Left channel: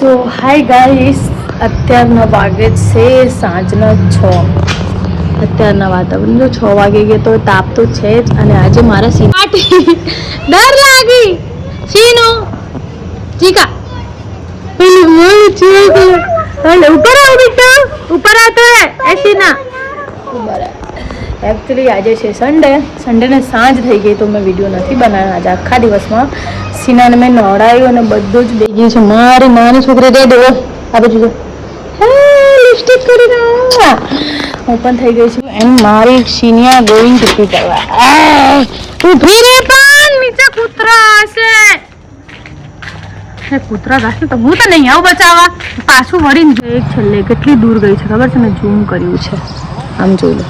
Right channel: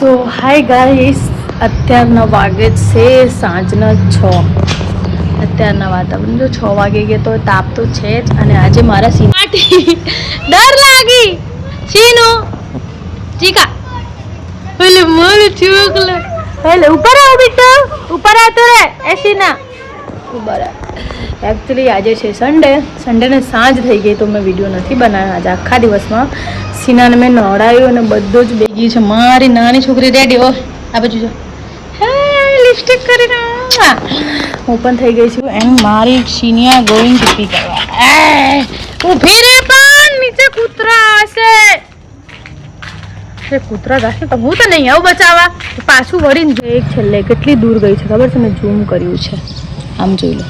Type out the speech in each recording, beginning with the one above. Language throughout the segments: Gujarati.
સો હાય ગાઈસ, અત્યારના વાગે છે સાંજના 6। અત્યારના વાતાવરણ જો 6 વાગે ગયા તો તાપ તો છે જ। અને આજે મારા ડર લાગી સીનો ચીકા પેલે મોલ ચોકલે હાલે ઉપર આવ બેટા, ઉપર આ તો એસી ના ઉપર। એકચ્યુઅલી આજે છે સન્ડે ને સાંજ થઈ ગઈ તો મેં વિડીયો નથી બનાવ્યો। આજે આખા દિવસમાં સીનાને મેં નવડાવ્યું અને બધું જ બેગી છે। મારી નાની છોકરી રેડી હો આ બાજુ જો લિપસ્ટિક કરીને ઓપન થઈ ગઈ છું એન્ડ મારી સીનિયા ગોઈંગ ટીપી કરવા ઊભી રે પણ નીચે કૂતરા હશે। કૂતરા હશે તો હું તો નહીં આવું બચાવવા, પાછું વળીને જો એક છેલ્લે કેટલી દૂર ગઈ છે ખબર છે? મેં ઝૂમ કર્યું છે, આમ જોઈ લો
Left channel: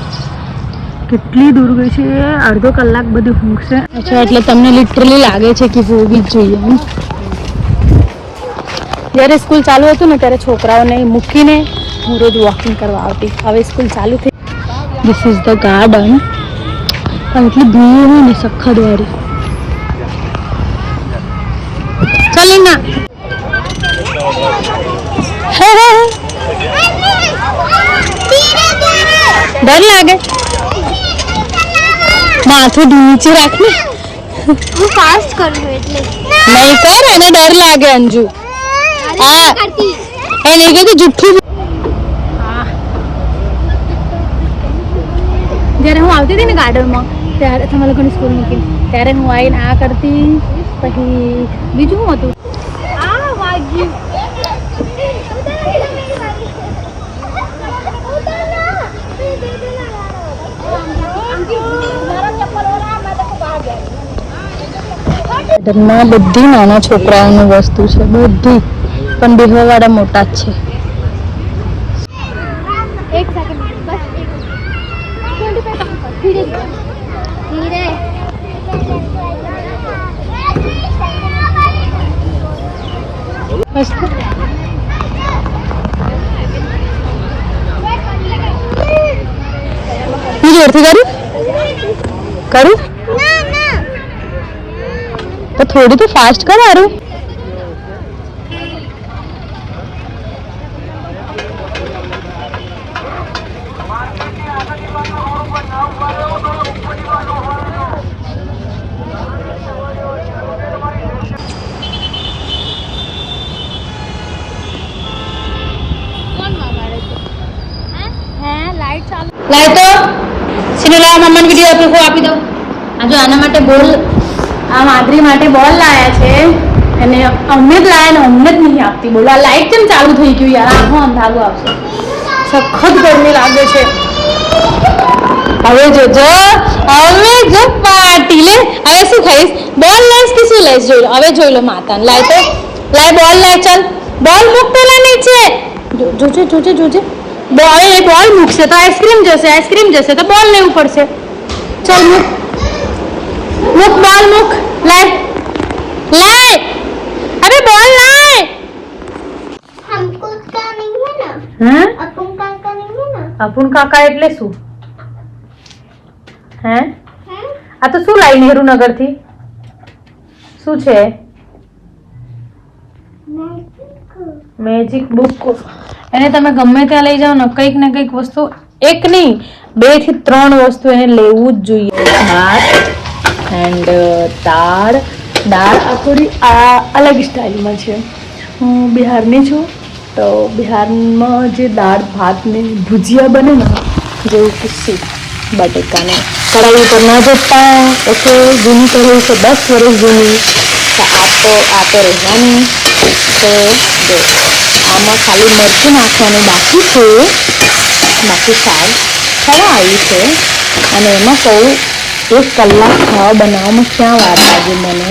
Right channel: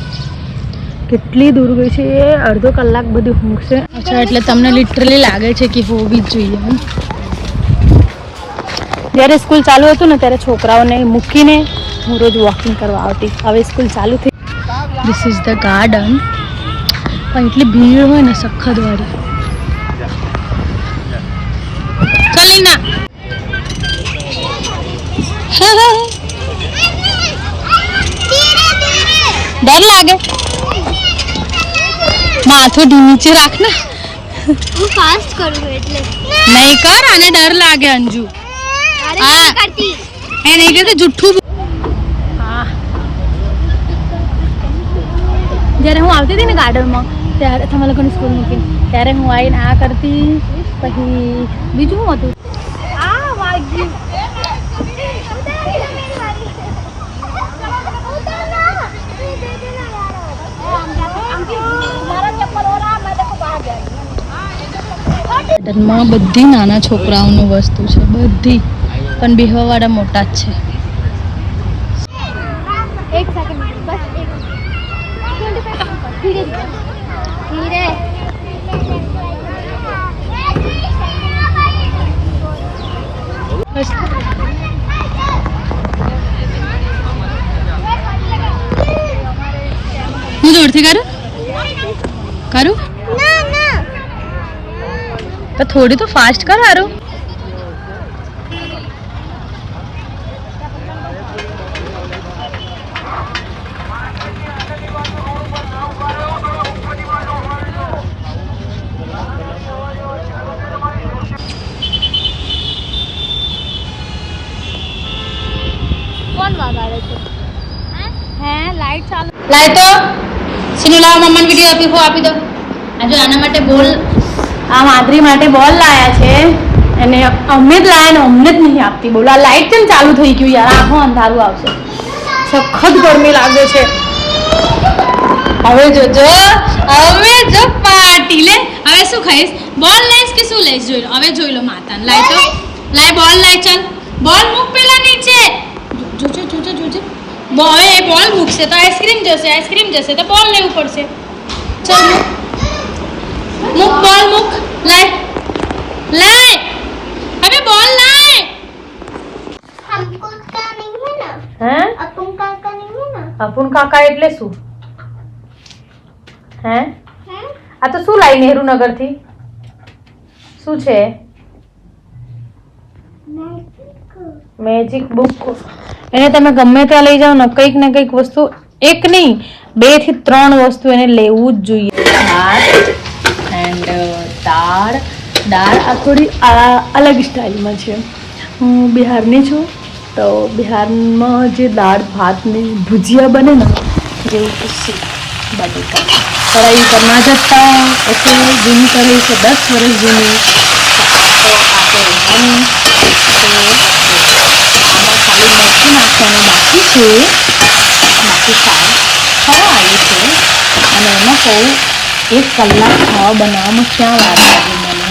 કેટલી દૂર ગઈ છે। અડધો કલાક બધી ઊંઘશે। અચ્છા, એટલે તમને લિટરલી લાગે છે કે હોવી જ જોઈએ। જ્યારે સ્કૂલ ચાલુ હતું ને ત્યારે છોકરાઓને મૂકીને હું રોજ વોકિંગ કરવા આવતી। હવે સ્કૂલ ચાલુ થઈ, ધીસ ઇઝ ધ ગાર્ડન, પણ એટલી ભીડ હોય ને સખત વાળી। ચાલી ના ડર લાગે, માથું નીચે રાખ ને, હું ફાસ્ટ કરું એટલે નહીં કર અને ડર લાગે અંજુ। હા એ નહીં કહેતી જુઠ્ઠું। હા, જ્યારે હું આવતી હતી ને ગાર્ડનમાં ત્યારે તમારા લોકોની સ્કૂલ મૂકી ત્યારે હું આવીને આ કરતી, પછી બીજું શું હતું? આ વાગી ગાર્ડનમાં બધી નાના છોકરાઓની વસ્તુ છે, બધી, પણ બેહવાવાળા મોટા જ છે। એક સેકન્ડ બસ એક 25 ધીરે ધીરે હું જોરથી કરું ના ના તો થોડી તો ફાસ્ટ કર હારું। કોણ મારે છે? હે લાઈટ ચાલુ લાય તો સિની લાવ, મમ્માને વિડીયો આપી દો। આ જો આના માટે બોલ, આ માદરી માટે બોલ લાયા છે અને અમે જ લાયા ને અમને જ નહીં આપતી। બોલો આ લાઈટ કેમ ચાલુ થઈ ગયું યાર? આખો અંધારું આવશે, સખત ગરમી લાગે છે। હવે જો પાર્ટી લે। હવે શું ખાઈશ? બોલ લઈશ કે શું લઈશ? જોઈ લો, હવે જોઈ લો માતાને। લાય તો લાય બોલ લાય, ચાલ બોલ મૂક પેલા નીચે। જોજે બોલ મૂકશે તો આઈસ્ક્રીમ જશે તો બોલ લેવું પડશે। ચાલ મૂક બોલ મૂક, લાય અરે બોલ લાય। हमको का नहीं है ना, हैं अपन काका नहीं है ना, અપુન કાકા એટલે શું? હે हैं આ તો શું લાવી નહેરુનગર થી? શું છે? Magic book. એને તમે ગમે ત્યાં લઈ જાઓ ને કંઈક ને કંઈક વસ્તુ, એક નહીં 2 થી 3 વસ્તુ એને લેવું જ જોઈએ। દાળ આ થોડી અલગ સ્ટાઇલમાં છે। હું બિહારની છું તો બિહારમાં જે દાળ ભાત ને ભુજિયા બને ને, જેવું કે બટેકાને કઢાઈ ઉપર ન જતા, ઓકે જૂની કઢાઈ છે 10 વર્ષ જૂની, તો આ તો રહેવાની છે। આમાં ખાલી મરચું નાખવાનું બાકી છે, બાકી શાક ખાવા આવી છે। અને એમાં કહું 1 કલાક ખાવા બનાવવામાં ક્યાં વાર લાગે મને?